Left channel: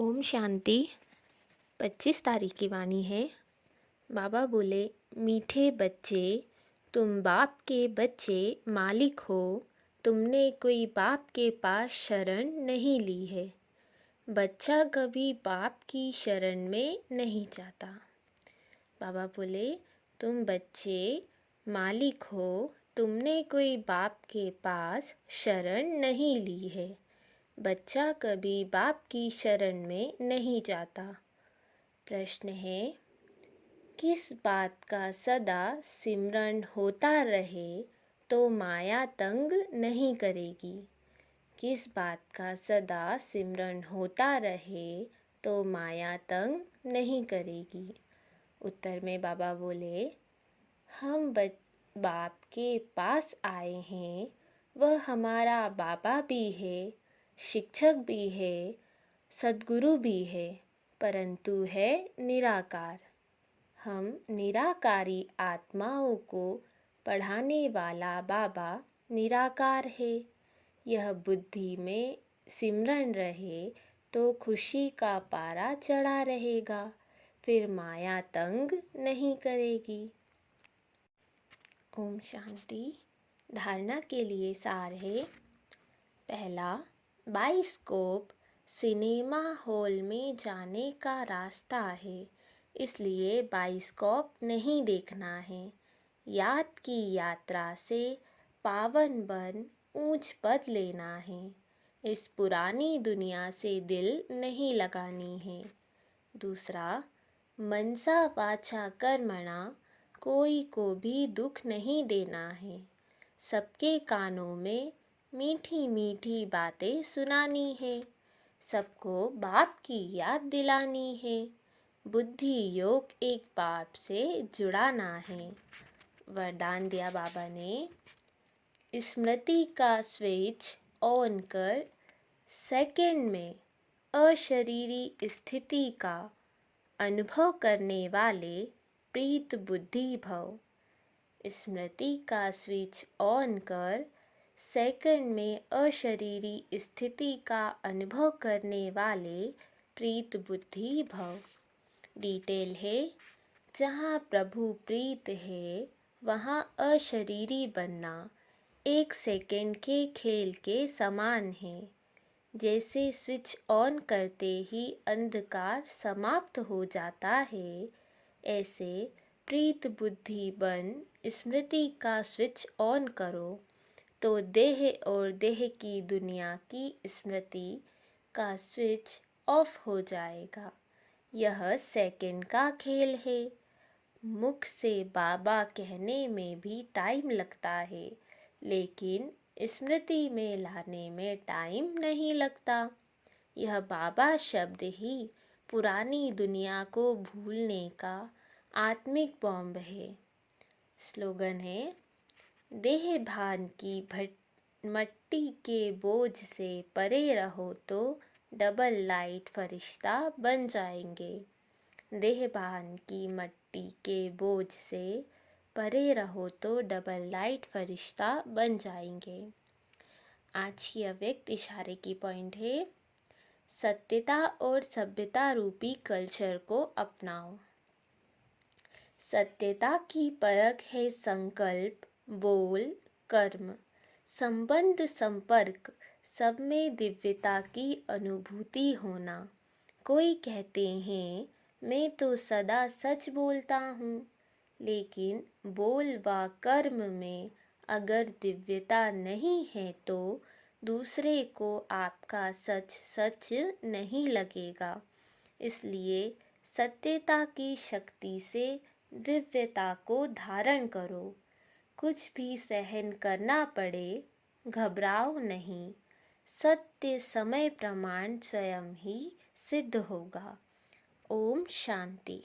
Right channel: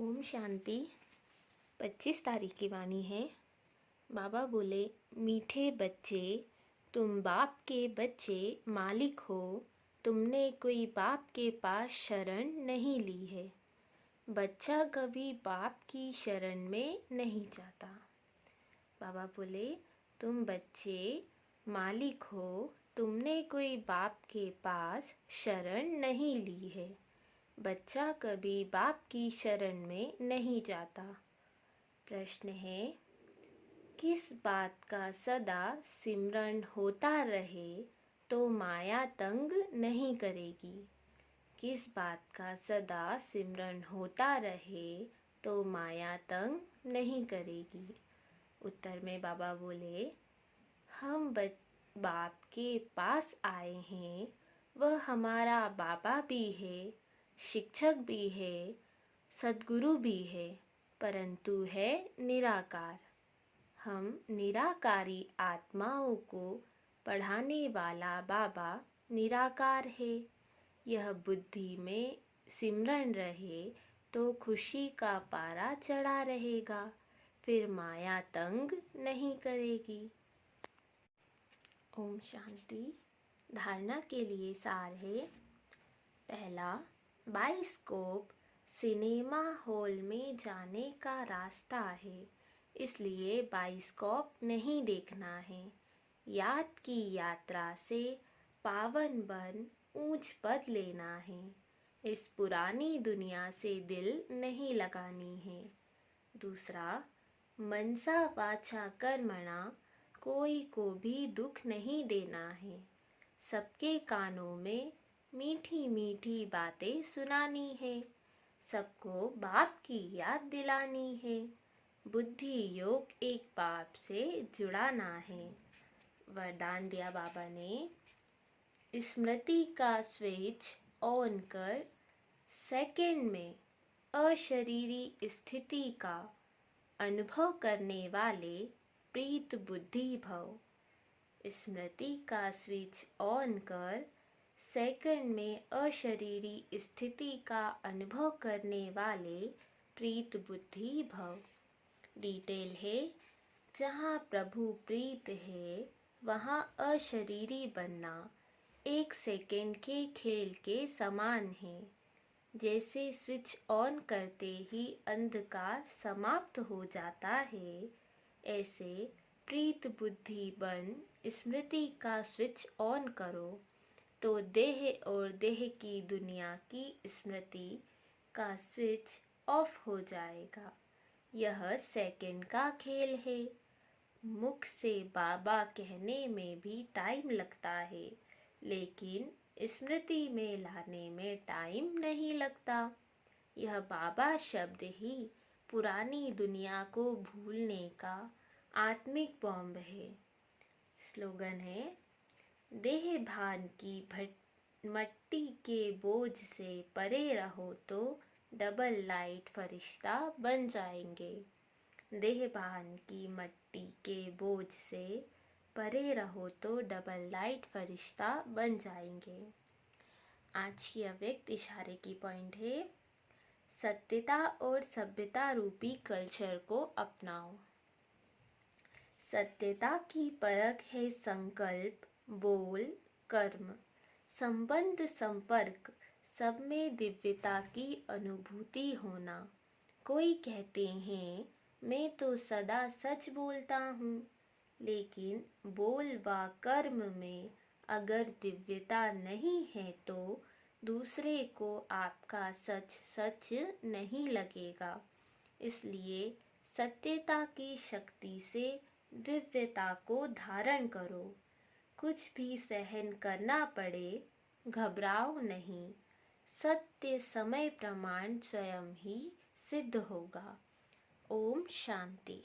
ओम शांति। 25 तारीख की वाणी है। बाबा बोले, मीठे बच्चे, तुम बाप के बच्चे मालिक हो। तुमने कोई बाप के पास शरण नहीं ली है। बच्चा कभी बाप की शरण में नहीं जाता। बाबा बोले, तुम बच्चे मालिक हो। तुमने कोई बाप के पास शरण नहीं ली है। बच्चा कभी बाप की शरण में नहीं जाता। प्रश्न है, किस बात का सदा सिमरन होता रहे तो माया तंग नहीं करेगी। किस बात का सदा सिमरन होता रहे तो माया तंग नहीं करेगी। उत्तर में बाबा बोले, हम बाप के पास आए हैं। वह हमारा बाबा भी है, शिक्षक भी है, सद्गुरु भी है, परंतु है निराकार। हम निराकारी आत्माओं को पढ़ाने वाला बाबा निराकार है। यह बुद्धि में सिमरन रहे तो खुशी का पारा चढ़ा रहेगा, फिर माया तंग नहीं करेगी। ओम शांति। धारणा के लिए सार है। पहला, बाइस्कोप सिनेमा हॉल में जाने का रास्ता है, इसलिए बाइस्कोप नहीं देखना है। याद की यात्रा से पावन बन ऊंच पद लेना है। इस पुरानी दुनिया से दिल नहीं लगानी है। दूसरा, मनसा वाचा कर्मणा कोई को भी दुख नहीं देना है। सबके कानों में मीठी मीठी बातें सुनानी है। सबको बाप की याद दिलानी है। बुद्धि योग एक बाप से जुड़ाना है। वरदान दिया बाबा ने, स्मृति का स्विच ऑन कर सेकंड में अशरीरी स्थिति का अनुभव करने वाले प्रीत बुद्धि भव। स्मृति का स्विच ऑन कर सेकंड में अशरीरी स्थिति का अनुभव करने वाले प्रीत बुद्धि भव। डिटेल है, जहाँ प्रभु प्रीत है वहाँ अशरीरी बनना एक सेकंड के खेल के समान है। जैसे स्विच ऑन करते ही अंधकार समाप्त हो जाता है, ऐसे प्रीत बुद्धि बन स्मृति का स्विच ऑन करो तो देह और देह की दुनिया की स्मृति का स्विच ऑफ हो जाएगा। यह सेकंड का खेल है। मुख से बाबा कहने में भी टाइम लगता है, लेकिन स्मृति में लाने में टाइम नहीं लगता। यह बाबा शब्द ही पुरानी दुनिया को भूलने का आत्मिक बॉम्ब है। स्लोगन है, देह भान की मट्टी के बोझ से परे रहो तो डबल लाइट फरिश्ता बन जाएंगे। देह भान की मट्टी के बोझ से परे रहो तो डबल लाइट फरिश्ता बन जाएंगे। आज की अव्यक्त इशारे की पॉइंट है, सत्यता और सभ्यता रूपी कल्चर को अपनाओ। सत्यता की परख है संकल्प, बोल, कर्म, संबंध, संपर्क, सब में दिव्यता की अनुभूति होना। कोई कहते हैं, मैं तो सदा सच बोलता हूँ, लेकिन बोल व कर्म में अगर दिव्यता नहीं है तो दूसरे को आपका सच सच नहीं लगेगा। इसलिए सत्यता की शक्ति से दिव्यता को धारण करो। कुछ भी सहन करना पड़े, घबराओ नहीं। सत्य समय प्रमाण स्वयं ही सिद्ध होगा। ओम शांति।